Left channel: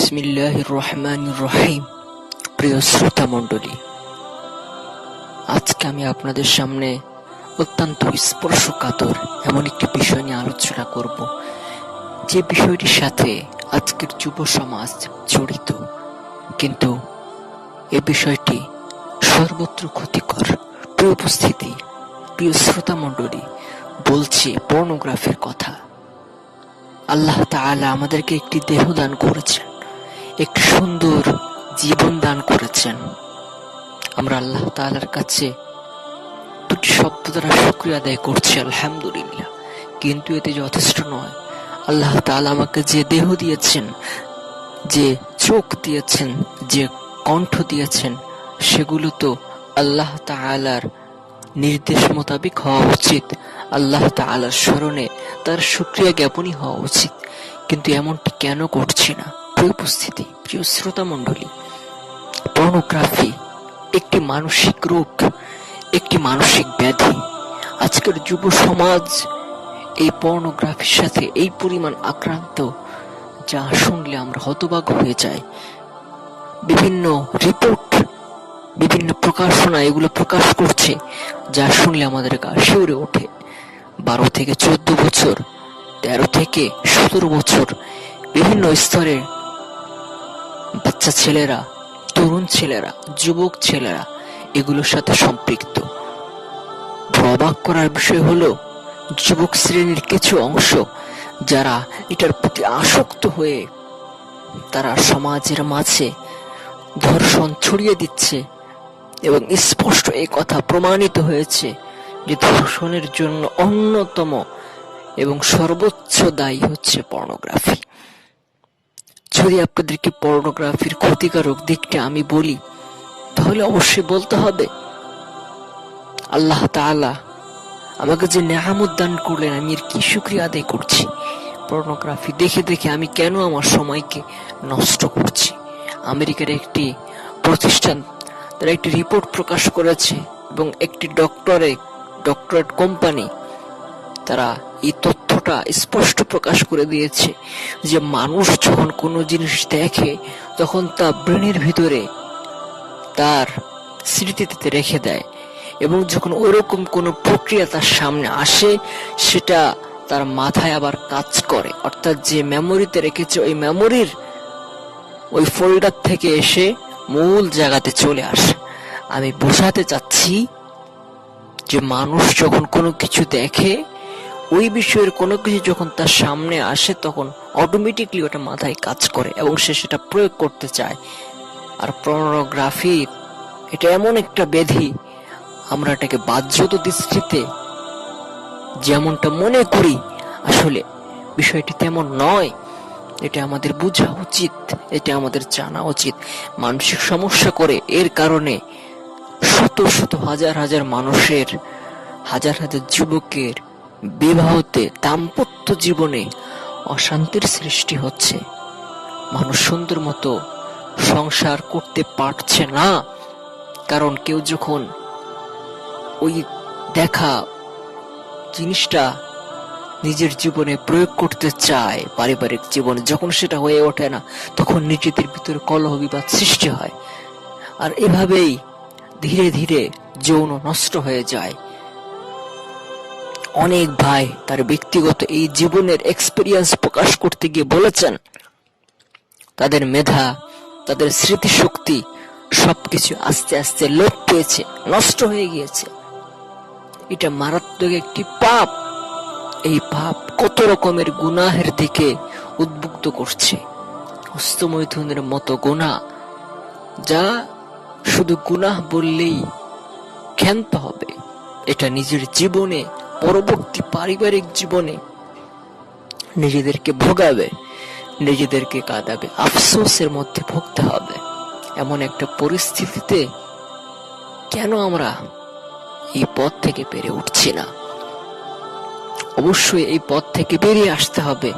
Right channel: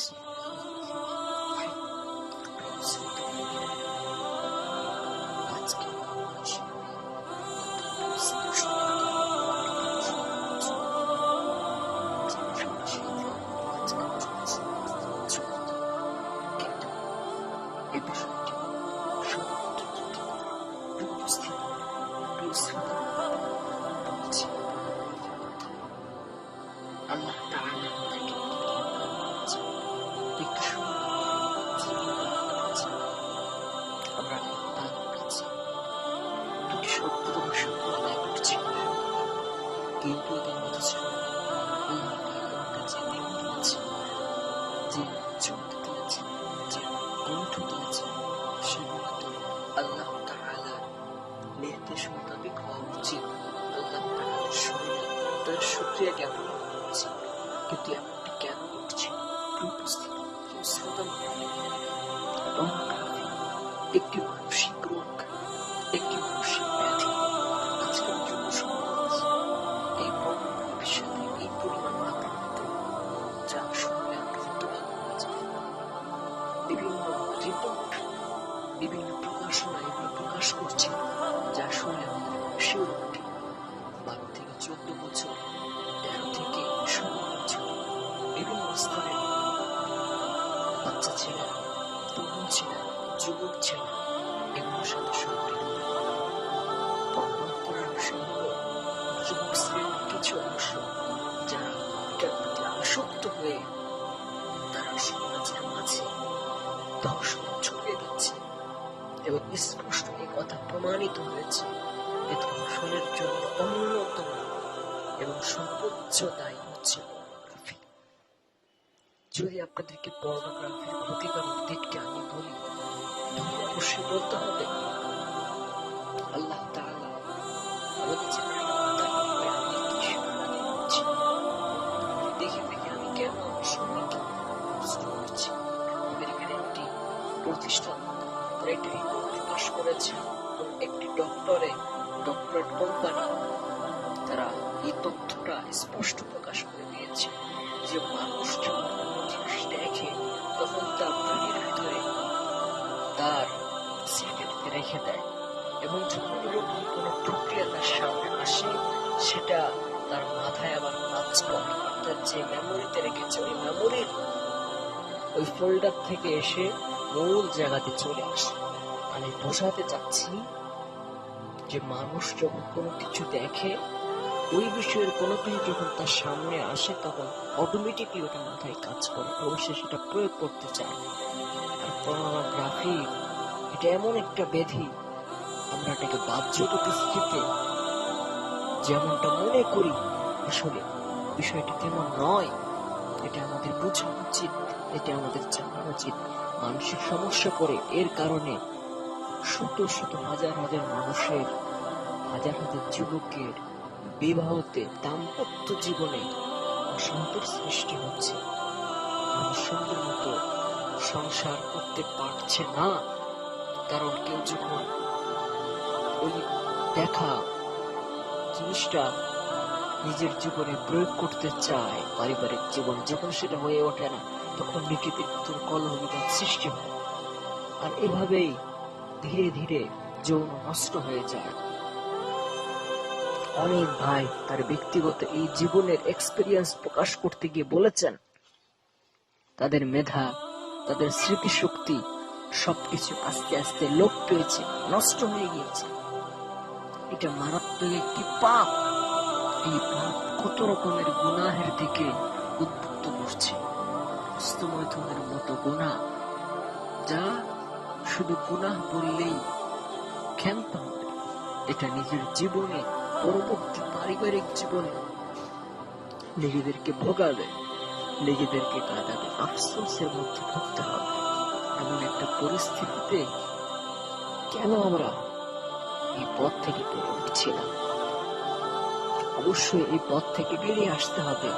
বিসমিল্লাহ রহমান রহিম প্রিয় শ্রোতা মণ্ডলী, আজকে আমি আপনাদের সামনে অত্যন্ত স্পর্শকাতর এমন একটি বিষয় নিয়ে আলোচনা করব। যে বিষয়টির সাথে আজকের যুব সমাজ জড়িত, কিন্তু এ বিষয়টি সর্বত্র ক্ষতিকর। প্রিয় উপস্থিতি, প্রিয় শ্রোতা মণ্ডলী, বলছি পর্নোগ্রাফির কথা। আল্লাহ তাআলা আমাদেরকে একটি দেহ দান করেছেন। একটি সুন্দর জীবন দান করেছেন। আমরা আল্লাহ তাআলার কাছে দুটি শব্দ দ্বারা শুক্রিয়া আদায় করছি, আলহামদুলিল্লাহ। কিন্তু এতে যথেষ্ট নয়। আল্লাহ তাআলা আমাকে যে দেহ দিয়েছেন, যে চোখ দিয়েছেন, যে কণ্ঠ দিয়েছেন, সেগুলো তো আল্লাহ তাআলার নির্দেশ মোতাবেক হওয়া উচিত। আল্লাহ তাআলার স্মরণে তার শুক্রিয়া জ্ঞাপনই হওয়া উচিত। কিন্তু এমনটি কেন করছি না? প্রিয় উপস্থিতি, প্রিয় শ্রোতা মণ্ডলী পর্নোগ্রাফি একটি মানসিক রোগ, একটি মানসিক ব্যাধি। আজকের যুব সমাজ এই পর্নোগ্রাফির সাথে এই পরিমাণ আক্রান্ত, যা শুনলে আমরা হতবাক হয়ে যাই। বিভিন্ন রিপোর্ট বিভিন্ন প্রকাশনা এগুলো প্রকাশ করছে, যা শুনলে আমাদের গা শিউরে ওঠে। বারো থেকে চোদ্দ বছর, তেরো থেকে সতেরো বছর, বিভিন্ন স্তরে বাচ্চা ছেলেরা, তরুণ ছেলেরা, যুবক ছেলেরা, এগুলোর সাথে সম্পৃক্ত। অবাক করার বিষয় হলো, যুবক শ্রেণির কিছু অংশ যারা এটার প্রতি আসক্ত হয়ে তারা সমাজের মাঝে ধর্ষণ ছড়িয়ে দিচ্ছে এবং স্পষ্ট এই কথা প্রমাণিত হয়েছে যে ধর্ষণের জন্য অন্যতম এবং সর্বোচ্চ দায়ী হচ্ছে পর্নোগ্রাফি। যদি আপনাদেরকে পর্নোগ্রাফির ক্ষতিকারক দিকটা আমি বলি, তাহলে অবশ্যই বলতে হবে, আল্লাহ তাআলা আমাকে যে নেহামত দান করলেন, আমি এর কি শুক্রিয়া আদায় করছি? পর্নোগ্রাফি দেখে দেখে আমি কেন আমার সময়কে নষ্ট করছি? আমেরিকার একটি প্রতিষ্ঠান, তারা একটি রিপোর্ট প্রকাশ করেছে এবং একটি ডক্টরে ডক্টরেট কোম্পানি তারা এই তথ্যটা স্পষ্ট প্রকাশ করে দিয়েছে যে মানুষ যখন কোনো জিনিস দেখে, তখন তা ব্রেনের ভিতরে তার স্মৃতিতে রেখে দেয় এবং যখন ওরকম কোনো প্রক্রিয়া তার সামনে আসে, সেটা তার মাথায় আবার কাজ করে। অর্থাৎ যে মেমোরিতে রেখেছে, ওই মেমোরির ওই ফোল্ডার থেকে এসে মূল জায়গাতে চলে আসে। আমি বোঝাতে চাচ্ছি যে মানুষ যখন কোনো কিছু দেখে ওই বিষয়ের কোনো কিছু যখন তার সামনে আসে, তখন অটোমেটিকলি ওটা মাথায় কাজ করে এবং সে সেটা প্রয়োগ করতে চায়। আর পর্নোগ্রাফির এটা এমন একটা ব্যাধি, আমরা এটাকে বাহ্যত দৃষ্টিতে যেমনটা মনে করি, আসলে বিষয়টি তেমন নয়। এটা আমাদের বোঝা উচিত, এটা আমাদের জানা উচিত। মানসিক সমস্যা করে, এর কারণে শত শত হাজার হাজার মানুষের, হাজার হাজার যুবকের বিবাহতে দাম্পত্য জীবনে অশান্তির সৃষ্টি হচ্ছে। মানুষ সুন্দর মতো সংসার করতে পারছে না। কারণ কেউ যখন ওই দেখা জিনিসটা নিজের জীবনে প্রয়োগ করতে চায়, পারিবারিক জীবনে যখন সেটা হয়ে ওঠে না, তখন নিজেদের ভিতরে কলহ বিবাদ সৃষ্টি হয়। আর এভাবেই ধীরে ধীরে যৌন নষ্ট হয়ে যায়। অনেক ভাই তার ব্যক্তিগত এই জীবনের এক্সপিরিয়েন্স প্রকাশ করতে গিয়ে বলেছেন, তাদের মেধা, তাদের স্মৃতিশক্তি সবকিছু আস্তে আস্তে লোপ পেয়েছে, নষ্ট হয়ে গিয়েছে। এটা মারাত্মক একটি পাপ। এই পাপ কত রকমের গুনাহের দিকে উদ্বুক্ত করছে। হস্তমৈথুনের মতো গুনাহ যা শুধু গুনাহ বললেই ক্ষান্ত হবে। এটা নিজের জীবনে পরবর্তী পারিবারিক জীবনে নিজেদেরকে ভোগাবে, নিজেদেরকে কাঁদাবে, আফসোসের মধ্যে ভুগতে হবে। এমন একটা পরিস্থিতিতে কেন আমরা এই পথ থেকে পেরে উঠছি না? অবশ্যই এই পথ থেকে বেরিয়ে আসতে হবে।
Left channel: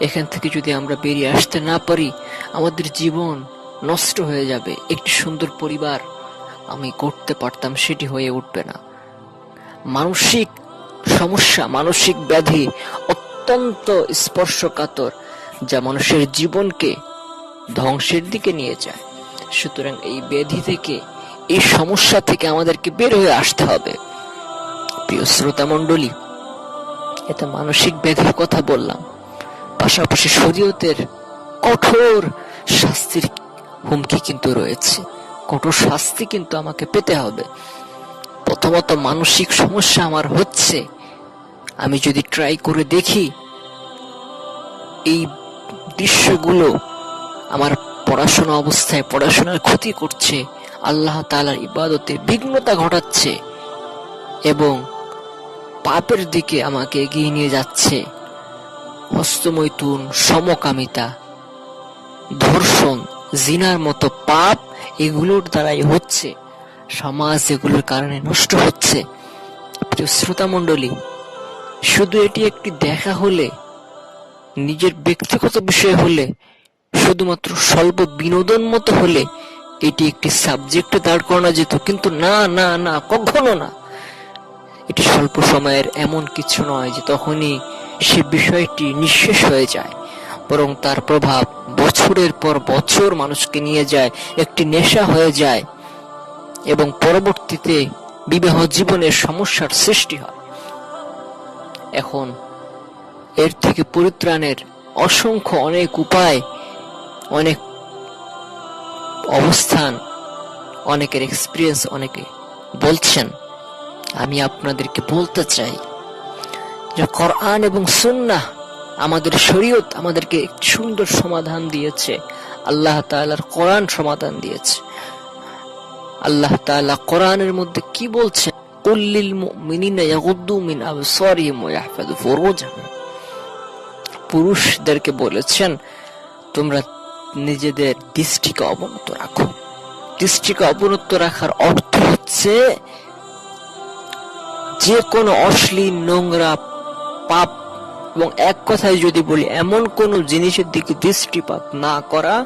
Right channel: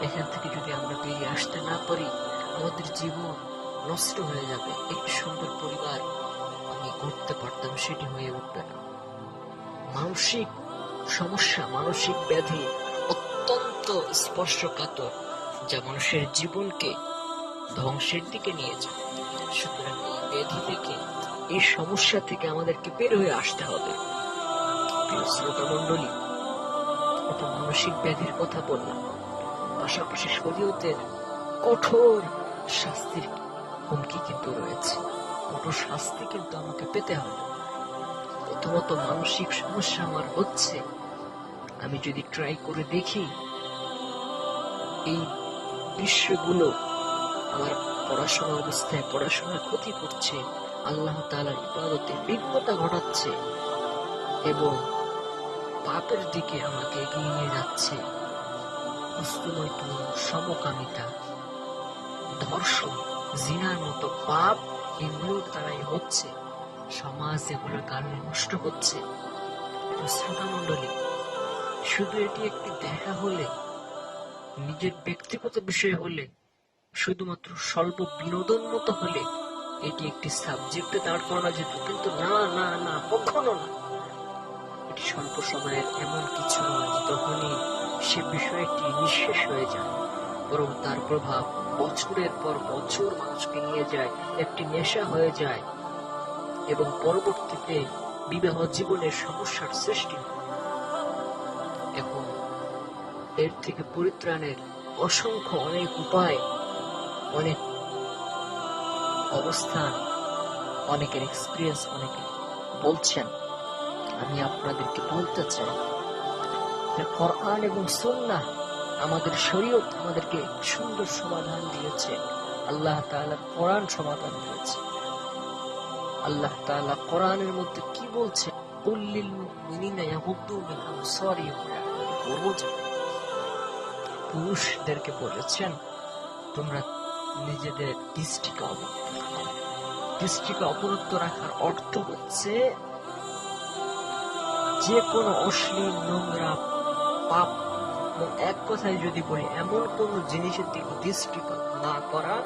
এখান থেকে যদি আমরা বেরিয়ে আসতে না পারি, আমাদের জীবন নষ্ট হয়ে যাবে। একটি সুন্দর পরিবার আমি করতে পারতাম, সেটি হয়ে উঠবে না। মানসিক সমস্যা, মানসিক ব্যাধি অত্যন্ত স্পর্শকাতর, যা মানুষের জীবনকে ধ্বংসের দিকে নিয়ে যায়। সুতরাং এই ব্যাধি থেকে, এই সমস্যা থেকে আমাদেরকে বের হয়ে আসতে হবে। প্রিয় শ্রোতা মণ্ডলী এত মানসিক ব্যাধির কথা বললাম। পাশাপাশি শরীয়তের কঠোর শাস্তির হুমকি কিন্তু রয়েছে। কঠোর শাস্তি কিন্তু আমাকে পেতে হবে। প্রথমত মানসিক সমস্যা আমার হচ্ছে। আমি যদি ট্রাই করে দেখি, এই দৃশ্যগুলো আমার পড়াশোনা অবস্থায় পড়াশোনার ক্ষতি করছে, আল্লাহ তালার ইবাদতে বিঘ্নতা ঘটাচ্ছে এবং পাপের দিকে আমাকে এগিয়ে নিয়ে যাচ্ছে। হস্তমৈথুন, সমকামিতা, ধর্ষণ, জিনার মতো পাপ এগুলোর দ্বারাই হচ্ছে। সমাজ এগুলোর কারণে নষ্ট হচ্ছে। শ্রোতা মণ্ডলী, শুধু এটি একটি দেখা হলে, নিজের ব্যক্তিগত বিষয় হলে, শুধুমাত্র স্বল্প বিনোদন মতো হলে এটি একটি সাবজেক্টে দাঁড় করানো যেত, কিন্তু না না না, কখনো না। এটি স্বল্প সময়ের এমন কিছু নয় যে তখনই সে বিষয়টি নিঃশেষ হয়ে যায়, বরং তার প্রভাব বছরের পর বছর মানুষকে নিয়ে যায়, একটি নেশা হয়ে যায় এবং পরবর্তীতে বিবাহ জীবনের সমস্যার সৃষ্টি হয়। এখন এর থেকে পরিত্রাণের অসংখ্য অনেক উপায়, অনেক অবস্থান, অনেকের এক্সপিরিয়েন্স অনেকে বলছেন। আমি আপনাদেরকে বলতে চাই যে কোরআন এবং সুন্নাহ আমাদের শরীয়ত আমাদেরকে সুন্দর সমাধান দিয়েছে। আল্লাহ তাআলার কোরআন সমাধান দিয়েছে। আল্লাহ তাআলা কোরআনের মধ্যে কি বলছেন? কুল্লিল মুমিনিনা ইয়াগুদ্দু মিন আবসারিহিম ওয়া পুরুষদেরকে বলেছেন, তোমরা নিজেদের দৃষ্টিকে অবনত রাখো। দৃষ্টিকে অবনত রাখার অর্থ হচ্ছে যে কোনো অশ্লীল, নোংরা, পাপ, এবং এক কথায় যদি বলি, এমন কোন জিনিসের দিকে দৃষ্টিপাত না করা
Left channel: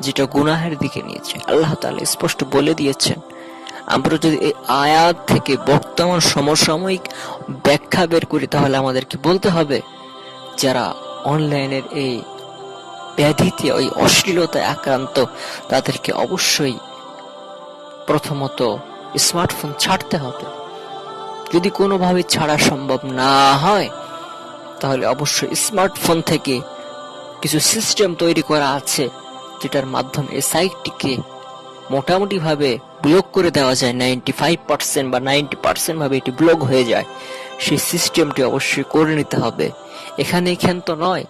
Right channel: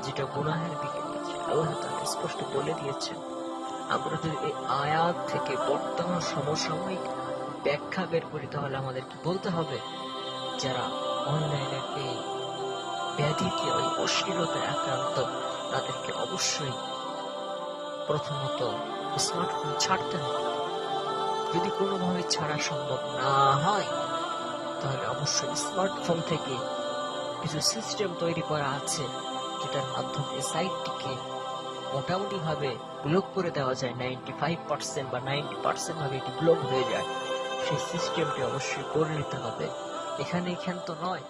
যেটা গুনাহের দিকে নিয়েছে। আল্লাহ তাআলা স্পষ্ট বলে দিয়েছেন, আমরা যদি এই আয়াত থেকে বর্তমান সমসাময়িক ব্যাখ্যা বের করি, তাহলে আমাদেরকে বলতে হবে, যারা অনলাইনের এই ব্যাধিতে ওই অশ্লীলতায় আক্রান্ত, তাদেরকে অবশ্যই প্রথমত স্মার্টফোন ছাড়তে হবে। যদি কোনোভাবে ছাড়া সম্ভব না হয়, তাহলে অবশ্যই স্মার্টফোন থেকে কিছু সিস্টেম তৈরি করা আছে। যেটার মাধ্যমে এই সাইটটিকে মোটামুটি ভাবে ব্লক করে দেওয়া যায় নাইনটি ফাইভ পার্সেন্ট বা নাইনটি পার্সেন্ট ভাবে এটি ব্লক হয়ে যায়, সেই সিস্টেমটি অবশ্যই করে নিতে হবে। এখানে এখান তো নয়।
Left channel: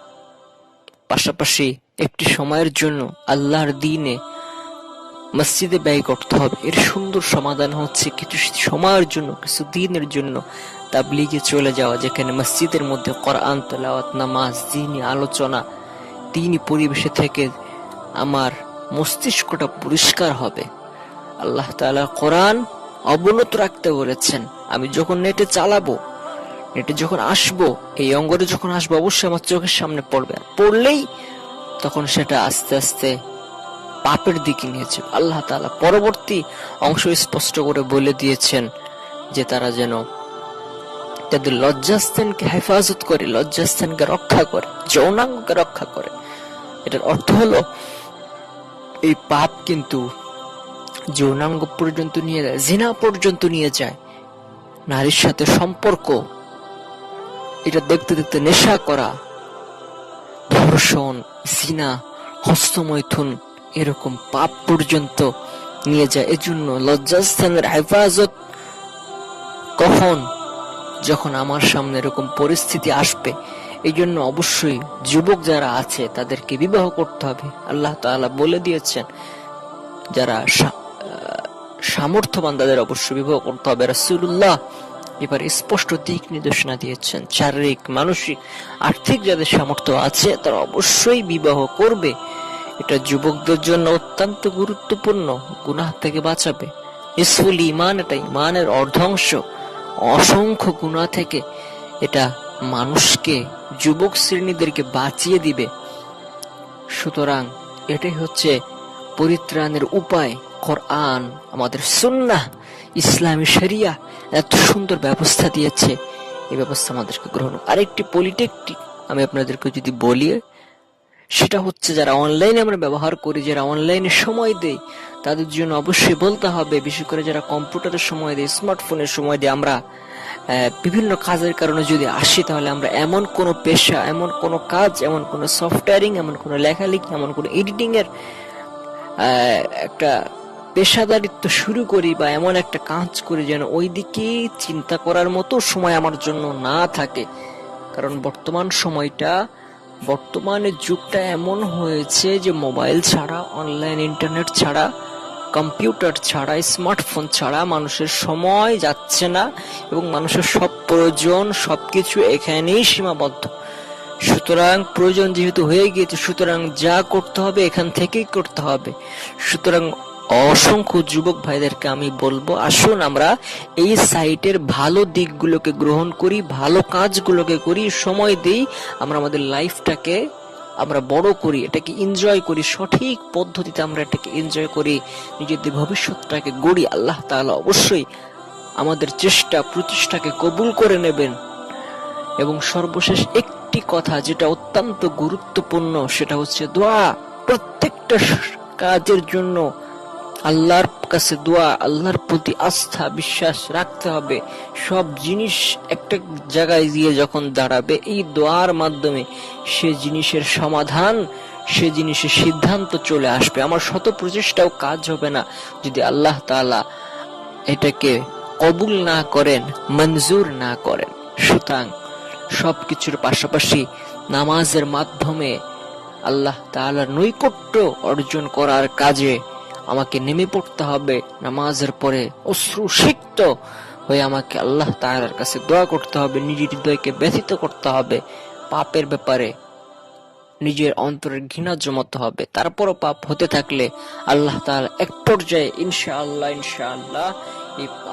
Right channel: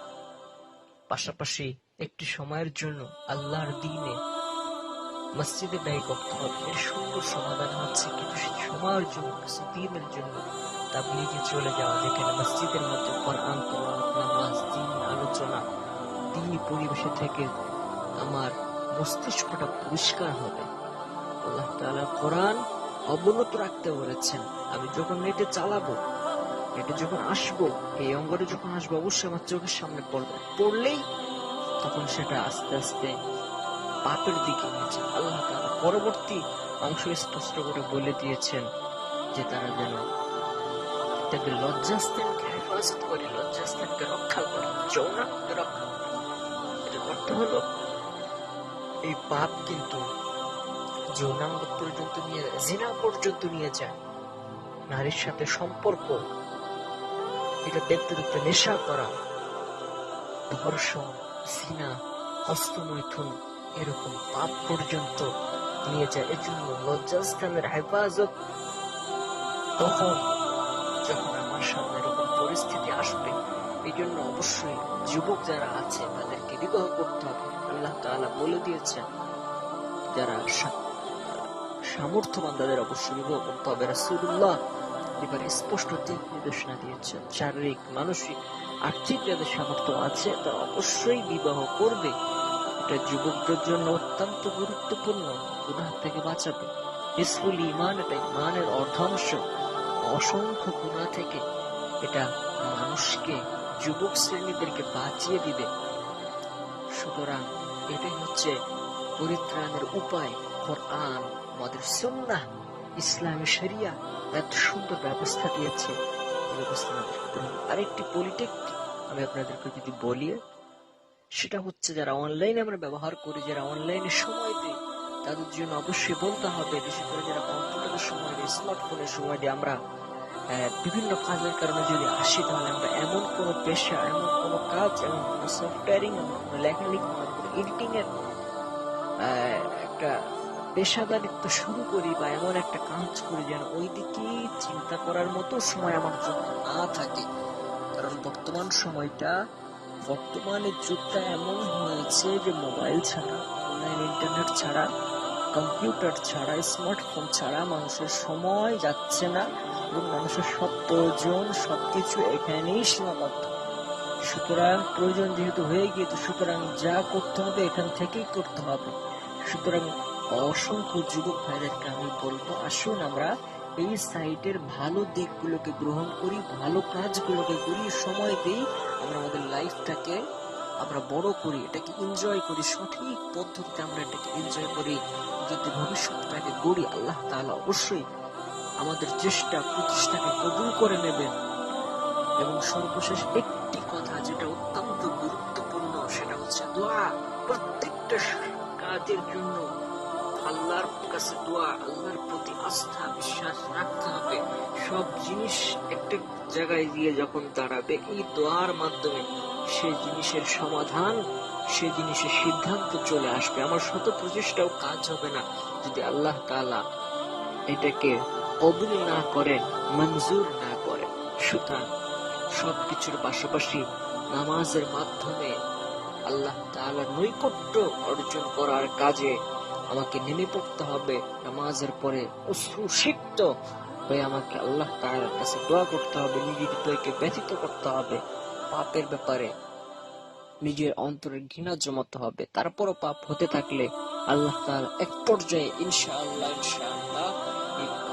পাশাপাশি একটি সময়ের জন্য আল্লাহর দিনে মসজিদে ব্যয় করতে হবে। এর সুন্দর সমাধান হচ্ছে কিছু সময়ের জন্য, কিছু দিনের জন্য তাবলিগে চলে যাওয়া, যেখানে মসজিদের মধ্যে কোরআন, তেলাওয়াত, নামাজ দিনই আলোচনা দিনই পরিবেশে থেকে আমার মস্তিষ্কটা পরিষ্কার হবে। আল্লাহ তাআলা কোরআন অবনত রাখতে বলেছেন, আমি যখন নেটে চালাবো, নেটে যখন আসব, এই অঙ্গরে যখন আসব, অবশ্যই আমার চোখের সামনে পড়বে। পড়লেই তখন সেটা আস্তে আস্তে পাপের দিকে নিয়েছে আল্লাহ তাআলা পরবর্তী অংশ স্পষ্ট করে বলে দিয়েছেন যে তারা যেন তাদের লজ্জাস্থানকে হেফাজত করে, লজ্জাস্থানকে রক্ষা করে, যৌনাঙ্গকে রক্ষা করে। এটার অর্থ হলো এই পাপ কিন্তু যৌনাঙ্গ পর্যন্ত নিয়ে যায় জিনা পর্যন্ত নিয়ে যায়। নারীর সাথে সম্পর্ক, এটা দেখতে দেখতে নেশা করা, ধর্ষণ জিনা হস্তমৈথুন এরকম পাপ পর্যন্ত নিয়ে যায়। এজন্য লজ্জাস্থানের হেফাজত কখন? যখন আমার সামনে এরকম পরিস্থিতি আসবে এই জন্য অবশ্যই যুবক যারা আছে, তাদেরকে বিবাহ করতে হবে। আল্লাহ তাআলা বলে দিয়েছেন, যারা সামর্থ্যবান, তাদের অবশ্যই বিবাহ করতে হবে। রাসূলুল্লাহ এবার স্পষ্ট দিক নির্দেশনা দিয়েছেন, শারীরিক, মানসিক, আর্থিক যাদের সামর্থ্য আছে, তারা অবশ্যই বিবাহ করবে। এটা যুবকদের জন্য অত্যন্ত গুরুত্বপূর্ণ, গুনাহ থেকে বাঁচাবে। ইসফুল ইমান এটা ইমানের অর্ধাংশ। অসংখ্য গুনাহ থেকে এটা মানুষকে যুবক শ্রেণীদেরকে বাঁচিয়ে দিবে। সুতরাং এটাই হচ্ছে পরিত্রাণের উপায়। কোরআন, আমাদের সুন্নাহ, ইসলামী শরিয়া এত সুন্দর ব্যবস্থা দিয়েছে। এই ব্যবস্থা আমাদেরকে গ্রহণ আরেকটি পলিটেকটি আমি আপনাদেরকে যদি বলি, সেটা হচ্ছে যারা অনলাইনে আমরা ব্যবহার করি, যারা অনলাইনে সময় দেই, তাদের জন্য অবশ্যই বলতে হবে, বিশেষ করে যারা কম্পিউটারের সময় দেয়, স্মার্টফোনের সময় দিয়ে, আমরা বিভিন্ন কাজের কারণে যদি আসি, তাহলে আমরা এমন কোনো পেশা, এমন কোনো কাজ, এমন কোনো সফটওয়্যারিং এমন কোনো লেখালেখি, এমন কোনো এডিটিং এর একটা পেশাদারিত্ব শুরু করি বা এমন একটা কাজ করি যেন ওই দিকে চিন্তা করার মতো সময় আমার জন্য না থাকে। কারণ বর্তমান সময়টা বর্তমানের যুগটা এমন হয়েছে যে মোবাইল ছাড়া অনলাইন ইন্টারনেট ছাড়া কম্পিউটার ছাড়া স্মার্টফোন ছাড়া মানুষের সময় যাচ্ছে না। এবং মানুষের সব প্রয়োজন, সবকিছু এখানেই সীমাবদ্ধ। সুতরাং প্রয়োজন যেহেতু হয়ে গিয়েছে, সুতরাং যা করতে হবে এখান থেকেই করতে হবে। সুতরাং অসংখ্য যুবক ভাইদেরকে আমি বলব, আসুন আমরা এই সাইটের ভালো দিকগুলোকে গ্রহণ করি, ভালো কাজগুলোকে করি, সময় দেই, আমরা আমাদের লাইফটাকে আমরা বড় করি, এটাকে এনজয় করি, সঠিক পদ্ধতিতে আমরা এটাকে এনজয় করি, নিজেদের ভবিষ্যৎটাকে গড়ি। আল্লাহ তাআলা অবশ্যই আমাদের চেষ্টা, প্রচেষ্টাকে কবুল করে নেবেন। এবং সর্বশেষ একটি কথা যেটা অত্যন্ত গুরুত্বপূর্ণ, সেটা হচ্ছে দোয়া। প্রত্যেকটা কাজের জন্য আল্লাহর কাছে দোয়া, আল্লাহর প্রতি আস্থা, বিশ্বাস রাখতে হবে। সব জিনিস একটা জায়গায় গিয়ে যখন দাঁড়াবে, এই দোয়ার মাধ্যমে সে জিনিসের সমাধান, সে জিনিসের সিদ্ধান্ত চলে আসবে। আমার শত প্রচেষ্টাও কাজ হবে না যদি আল্লাহ তাআলা এটাকে কবুল না করেন, মঞ্জুর না করেন। সুতরাং সবকিছুর পাশাপাশি নামাজের মাধ্যমে আল্লাহ তাআলার নৈকট্য অর্জন করার কাজে আমাকে নেমে পড়তে হবে। নামাজের পরে অশ্রু সিক্ত হয়ে আমাকে আল্লাহ তাআলার কাছে দোয়া করতে হবে নিজের হৃদয়কে ব্যথিত করতে হবে। পাপের ব্যাপারে নিজের অন্তরের ঘৃণা জমাতে হবে। তারপরও পাপ হতে থাকলে আল্লাহ তাআলা এক পর্যায়ে এই পাপ থেকে বের